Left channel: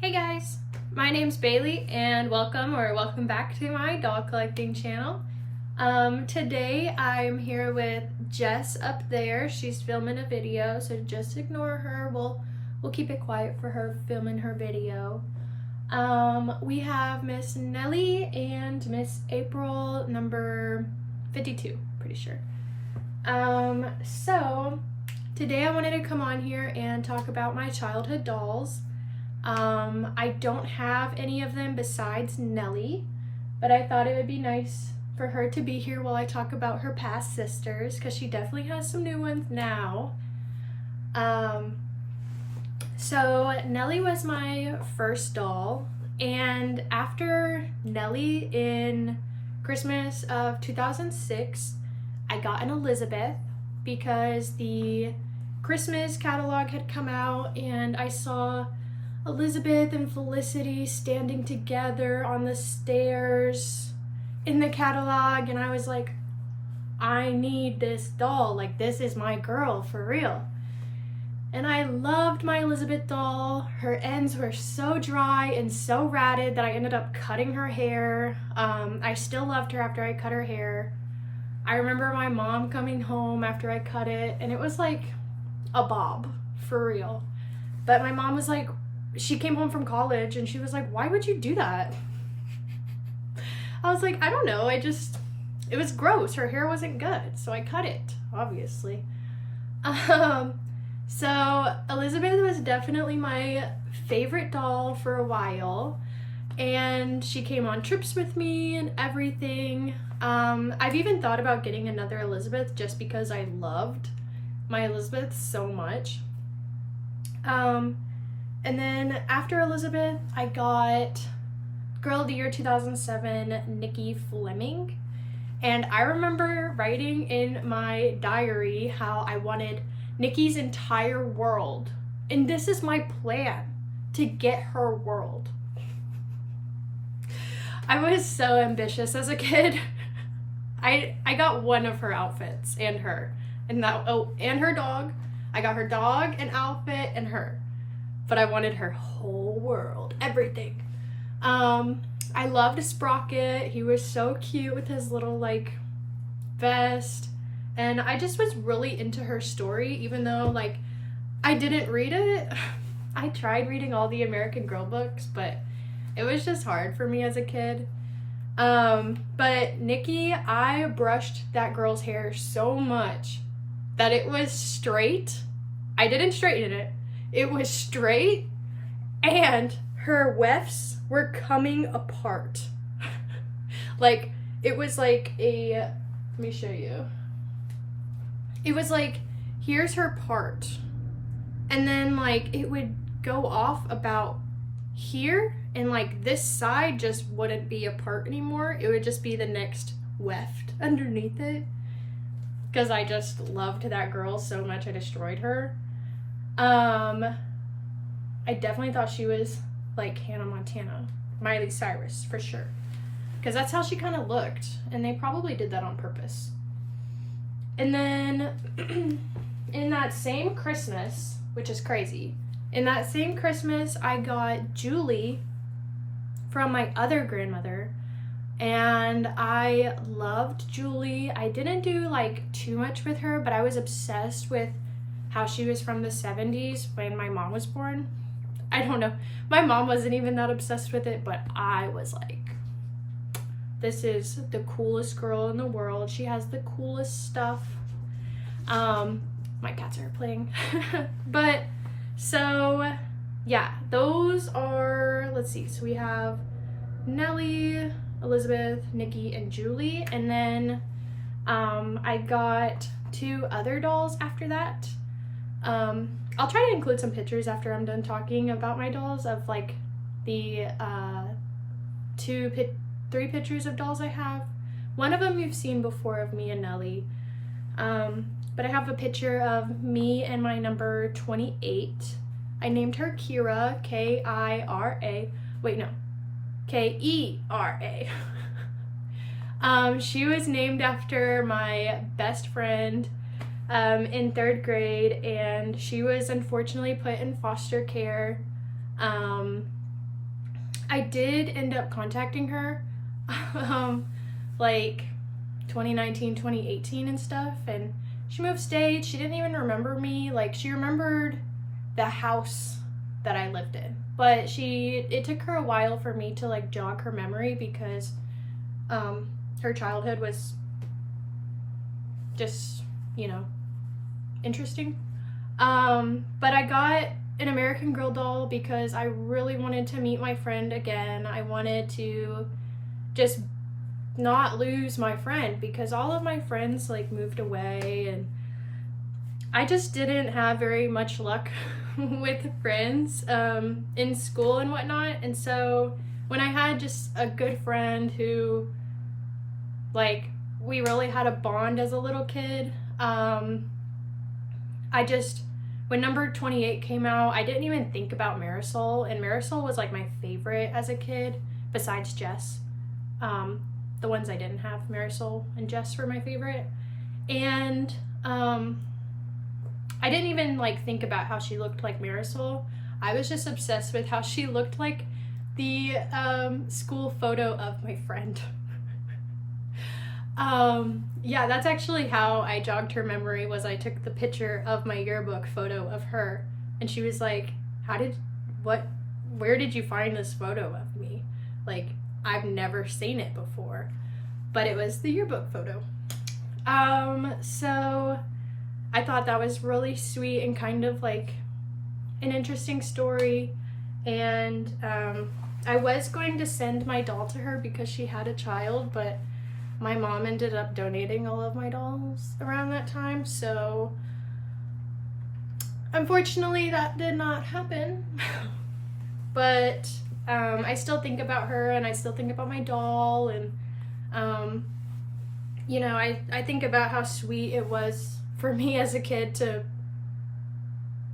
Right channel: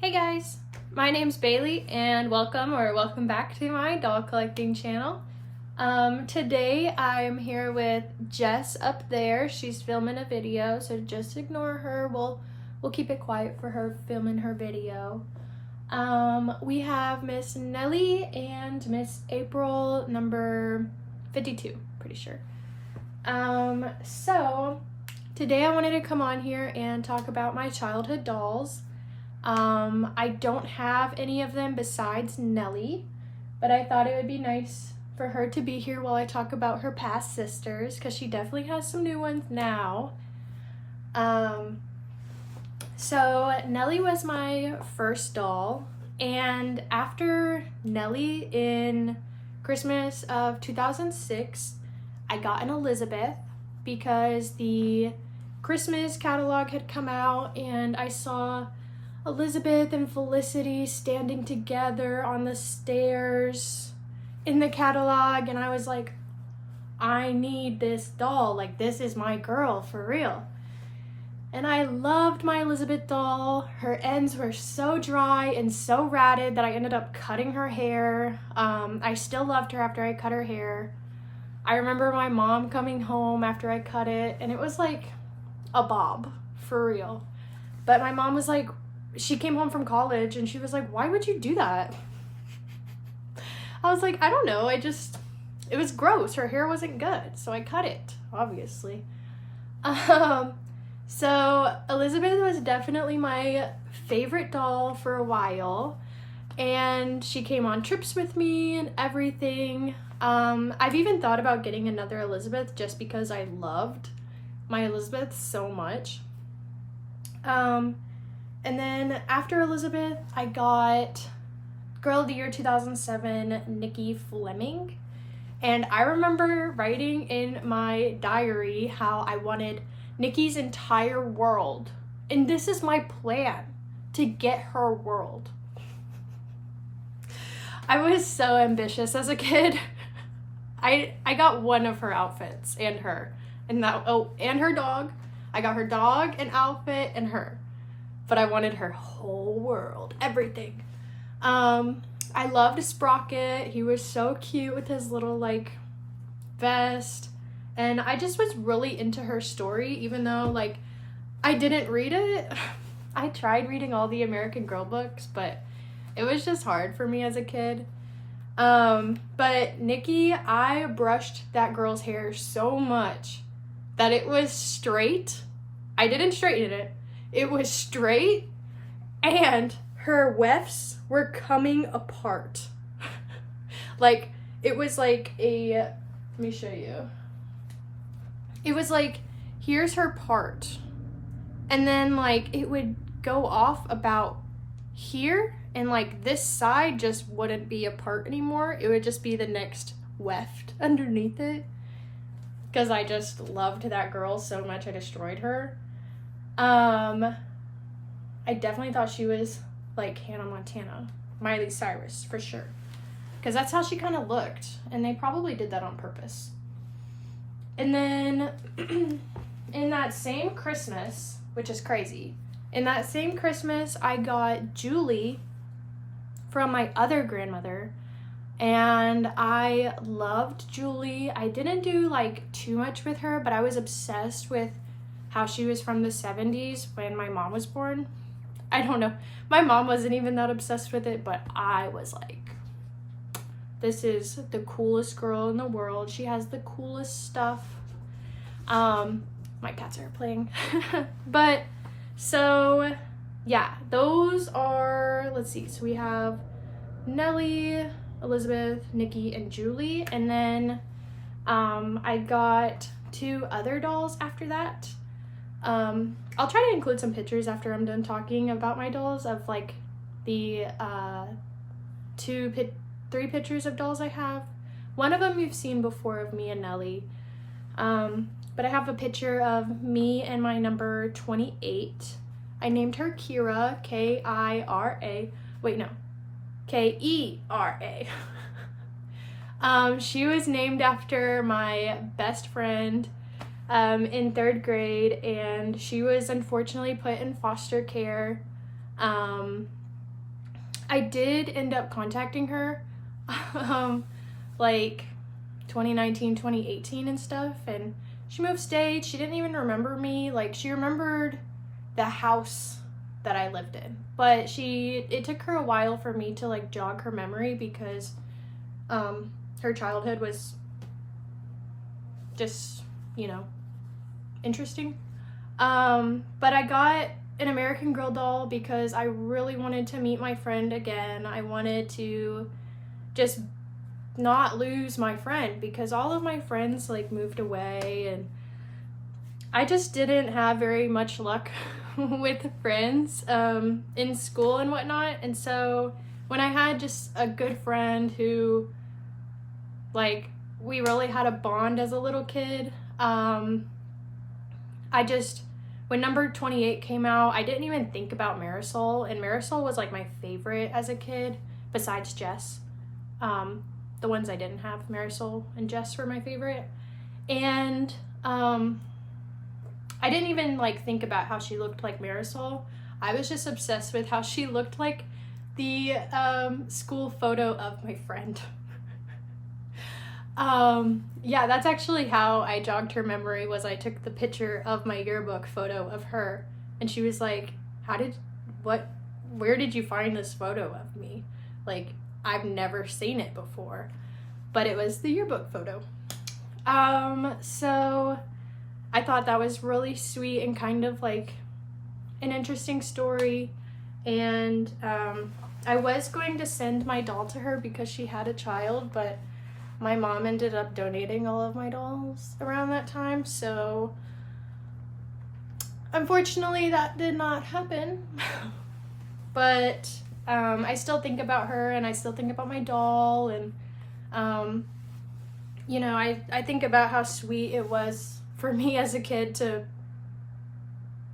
Hey guys, my name's Bailey and welcome back to my doll collecting channel. Today I'm here with Jess up there. She's filming a video, so just ignore her. We'll keep it quiet for her filming her video. We have Miss Nellie and Miss April number 52, pretty sure. So today I wanted to come on here and talk about my childhood dolls. I don't have any of them besides Nellie, but I thought it would be nice for her to be here while I talk about her past sisters, because she definitely has some new ones now. So Nellie was my first doll, and after Nellie in Christmas of 2006, I got an Elizabeth because the Christmas catalog had come out and I saw Elizabeth and Felicity standing together on the stairs in the catalog, and I was like, I need this doll. Like, this is my girl for real. And I loved my Elizabeth doll. Her ends were so dry and so ratted that I ended up cutting her hair. I still loved her after I cut her hair. I remember my mom coming home after I cut it, and it was like a bob, for real. But my mom was like, she came home from college and she was like, why would you do that? I was like, I don't know. It was gross. Her hair wasn't good. So I cut it, obviously. So Elizabeth was definitely my favorite doll for a while. And she came on trips with me and everything. I've even thought about getting another Elizabeth just because I loved my Elizabeth so much. And then after Elizabeth, I got Girl of the Year 2007, Nikki Fleming. And I remember writing in my diary how I wanted Nikki's entire world. And this is my plan, to get her world. I was so ambitious as a kid. I got one of her outfits and her. And her dog. I got her dog, an outfit, and her. But I wanted her whole world, everything. I loved Sprocket. He was so cute with his little like vest. And I just was really into her story, even though like I didn't read it. I tried reading all the American Girl books, but it was just hard for me as a kid. But Nikki, I brushed that girl's hair so much that it was straight. I didn't straighten it. It was straight, and her wefts were coming apart. Like, it was like let me show you. It was like, here's her part. And then, like, it would go off about here, and, like, this side just wouldn't be a part anymore. It would just be the next weft underneath it. Because I just loved that girl so much, I destroyed her. I definitely thought she was like Hannah Montana, Miley Cyrus, for sure. Because that's how she kind of looked. And they probably did that on purpose. And then in that same Christmas, which is crazy, in that same Christmas, I got Julie from my other grandmother. And I loved Julie. I didn't do like too much with her, but I was obsessed with how she was from the 70s when my mom was born. I don't know. My mom wasn't even that obsessed with it, but I was like, this is the coolest girl in the world. She has the coolest stuff. My cats are playing. But, so, yeah, those are, let's see. So we have Nellie, Elizabeth, Nikki, and Julie. And then I got 2 other dolls after that. I'll try to include some pictures after I'm done talking about my dolls of like the 3 pictures of dolls I have. One of them you've seen before of me and Nellie. But I have a picture of me and my number 28. I named her Kira, K-I-R-A. Wait, no. K-E-R-A. She was named after my best friend in 3rd grade, and she was unfortunately put in foster care I did end up contacting her, like 2019, 2018 and stuff, and she moved states. She didn't even remember me. Like, she remembered the house that I lived in, but it took her a while for me to like jog her memory because her childhood was just, interesting. But I got an American Girl doll because I really wanted to meet my friend again. I wanted to just not lose my friend because all of my friends like moved away, and I just didn't have very much luck with friends in school and whatnot. And so when I had just a good friend who, like, we really had a bond as a little kid, when number 28 came out, I didn't even think about Marisol, and Marisol was like my favorite as a kid besides Jess. The ones I didn't have, Marisol and Jess, were my favorite. And I didn't even like think about how she looked like Marisol. I was just obsessed with how she looked like the school photo of my friend. Yeah, that's actually how I jogged her memory. Was I took the picture of my yearbook photo of her, and she was like, where did you find this photo of me? Like, I've never seen it before, but it was the yearbook photo. So I thought that was really sweet and kind of like an interesting story. And I was going to send my doll to her because she had a child, but my mom ended up donating all of my dolls around that time. So unfortunately that did not happen. But I still think about her, and I still think about my doll, and I think about how sweet it was for me as a kid to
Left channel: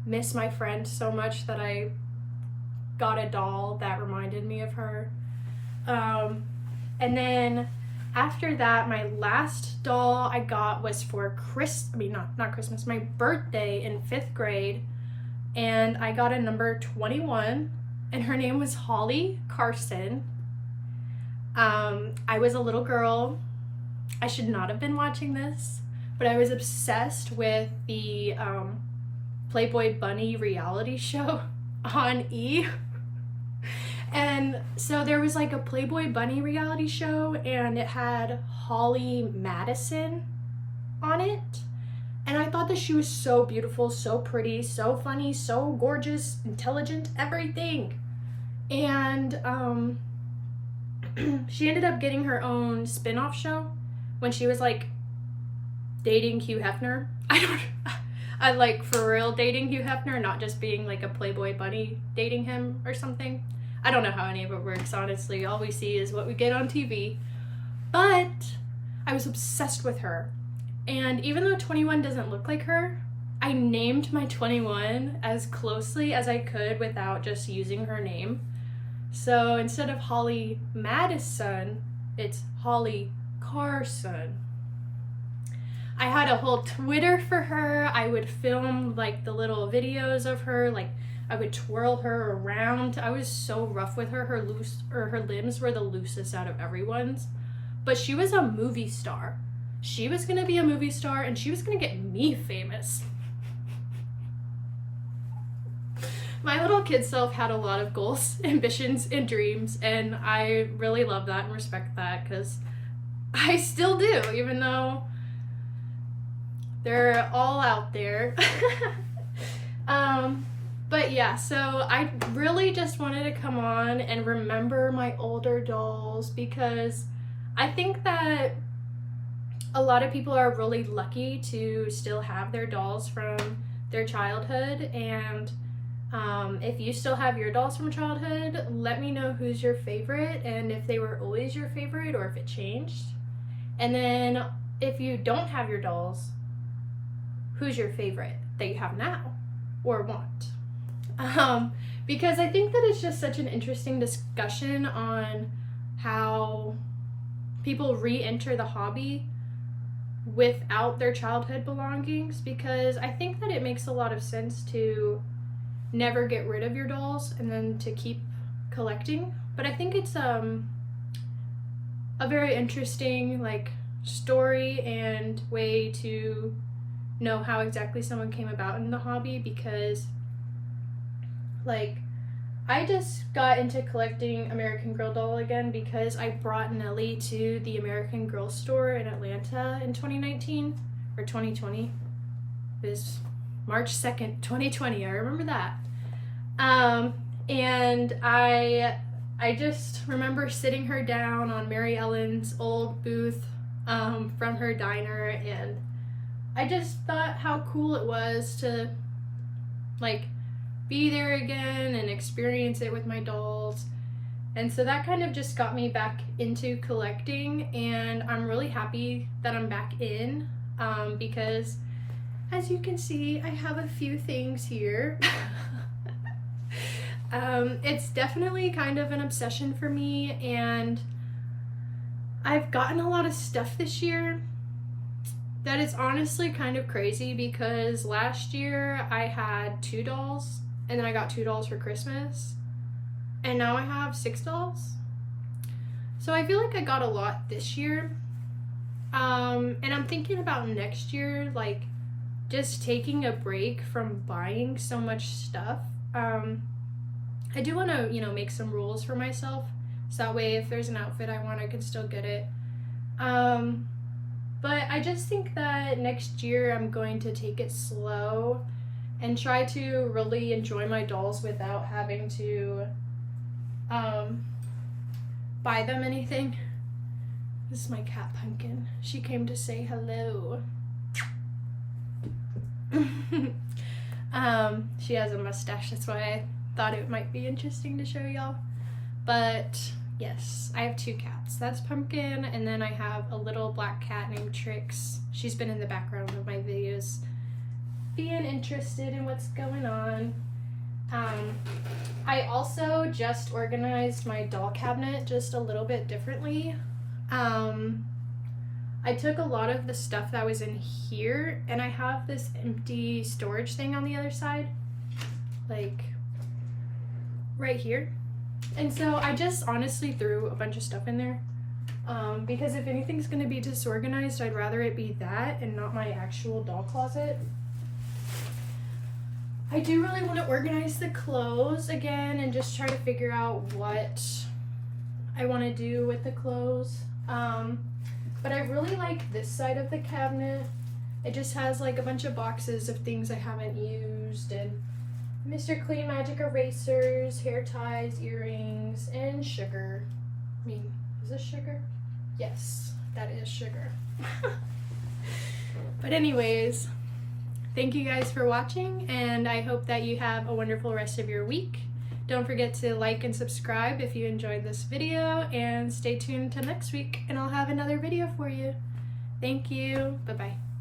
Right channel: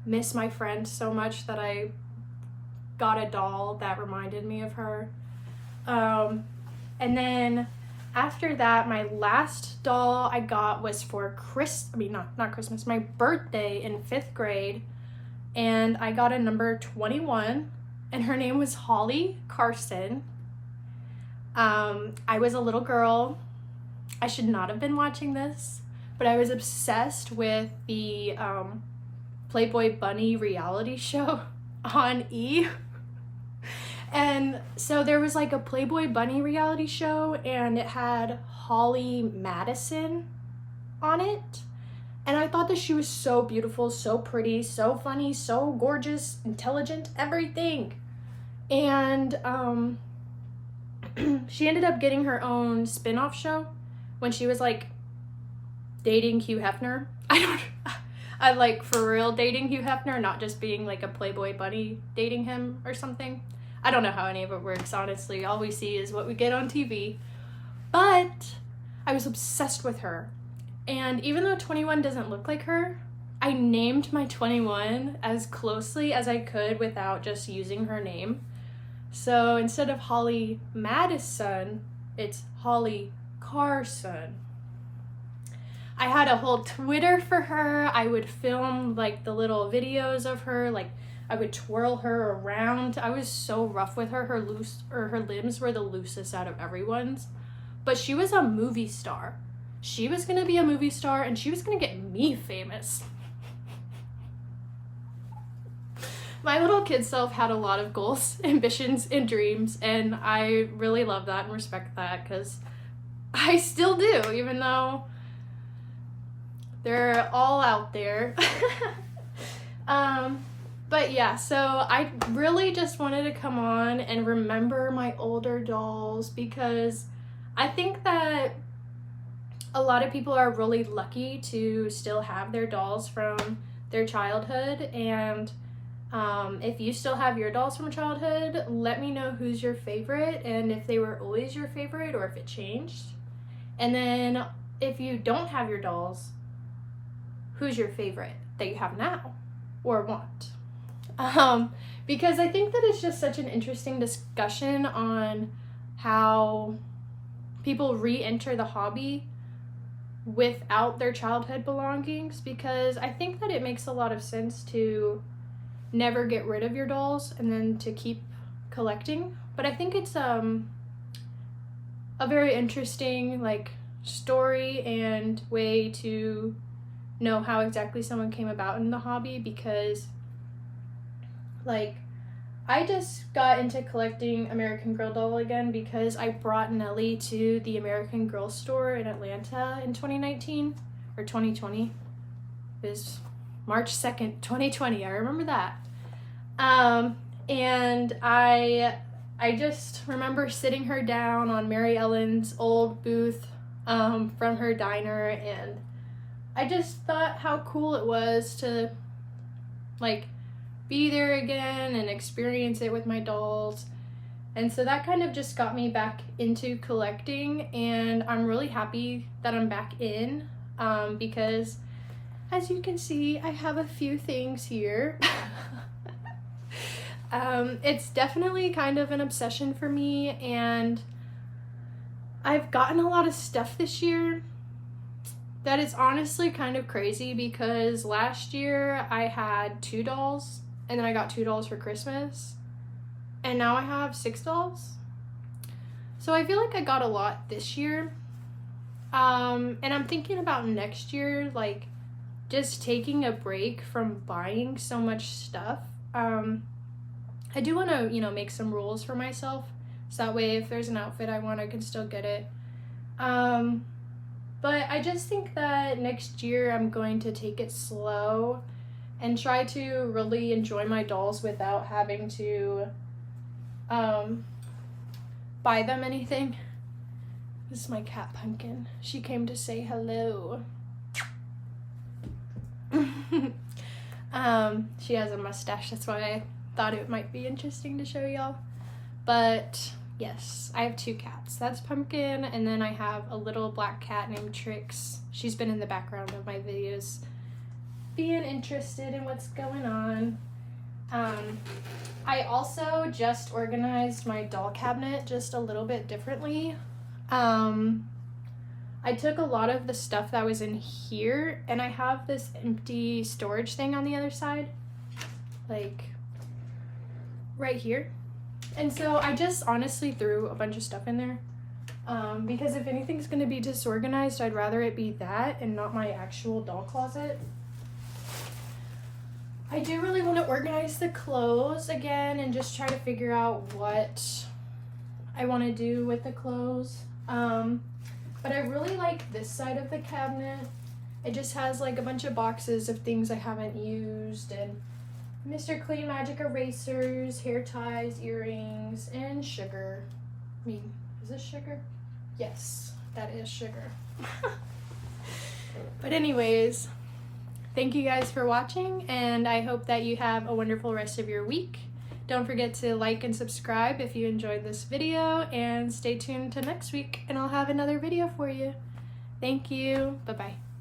miss my friend so much that I got a doll that reminded me of her. And then after that, my last doll I got was for not Christmas, my birthday in 5th grade, and I got a number 21, and her name was Holly Carson. I was a little girl. I should not have been watching this, but I was obsessed with the Playboy Bunny reality show on E! And so there was like a Playboy Bunny reality show, and it had Holly Madison on it. And I thought that she was so beautiful, so pretty, so funny, so gorgeous, intelligent, everything. And she ended up getting her own spin-off show when she was like dating Hugh Hefner. I like for real dating Hugh Hefner, not just being like a Playboy Bunny dating him or something. I don't know how any of it works, honestly. All we see is what we get on TV. But I was obsessed with her. And even though 21 doesn't look like her, I named my 21 as closely as I could without just using her name. So instead of Holly Madison, it's Holly Carson. I had a whole Twitter for her. I would film like the little videos of her, like I would twirl her around. I was so rough with her. Her limbs were the loosest out of everyone's. But she was a movie star. She was gonna be a movie star, and she was gonna get me famous. My little kid self had a lot of goals, ambitions, and dreams, and I really love that and respect that, because I still do, even though they're all out there. But yeah, so I really just wanted to come on and remember my older dolls, because I think that a lot of people are really lucky to still have their dolls from their childhood. And if you still have your dolls from childhood, let me know who's your favorite, and if they were always your favorite or if it changed. And then if you don't have your dolls, who's your favorite that you have now or want? Because I think that it's just such an interesting discussion on how people re-enter the hobby without their childhood belongings, because I think that it makes a lot of sense to never get rid of your dolls and then to keep collecting, but I think it's a very interesting like story and way to know how exactly someone came about in the hobby, because like I just got into collecting American Girl doll again because I brought Nellie to the American Girl store in Atlanta in 2019 or 2020. It was March 2nd, 2020. I remember that. And I just remember sitting her down on Mary Ellen's old booth from her diner, and I just thought how cool it was to like be there again and experience it with my dolls. And so that kind of just got me back into collecting, and I'm really happy that I'm back in because as you can see, I have a few things here. It's definitely kind of an obsession for me, and I've gotten a lot of stuff this year that is honestly kind of crazy, because last year I had 2 dolls, and then I got 2 dolls for Christmas, and now I have 6 dolls. So I feel like I got a lot this year. And I'm thinking about next year, like just taking a break from buying so much stuff. I do want to, make some rules for myself, so that way if there's an outfit I want, I can still get it. But I just think that next year I'm going to take it slow and try to really enjoy my dolls without having to buy them anything. This is my cat Pumpkin. She came to say hello. She has a mustache, that's why I thought it might be interesting to show y'all. But yes, I have 2 cats. That's Pumpkin, and then I have a little black cat named Trix. She's been in the background of my videos being interested in what's going on. I also just organized my doll cabinet just a little bit differently. I took a lot of the stuff that was in here, and I have this empty storage thing on the other side, like right here. And so I just honestly threw a bunch of stuff in there, because if anything's going to be disorganized, I'd rather it be that and not my actual doll closet. I do really want to organize the clothes again and just try to figure out what I want to do with the clothes. But I really like this side of the cabinet. It just has like a bunch of boxes of things I haven't used, and Mr. Clean Magic erasers, hair ties, earrings, and sugar. I mean, is this sugar? Yes, that is sugar. But anyways, thank you guys for watching, and I hope that you have a wonderful rest of your week. Don't forget to like and subscribe if you enjoyed this video, and stay tuned to next week, and I'll have another video for you. Thank you. Bye-bye.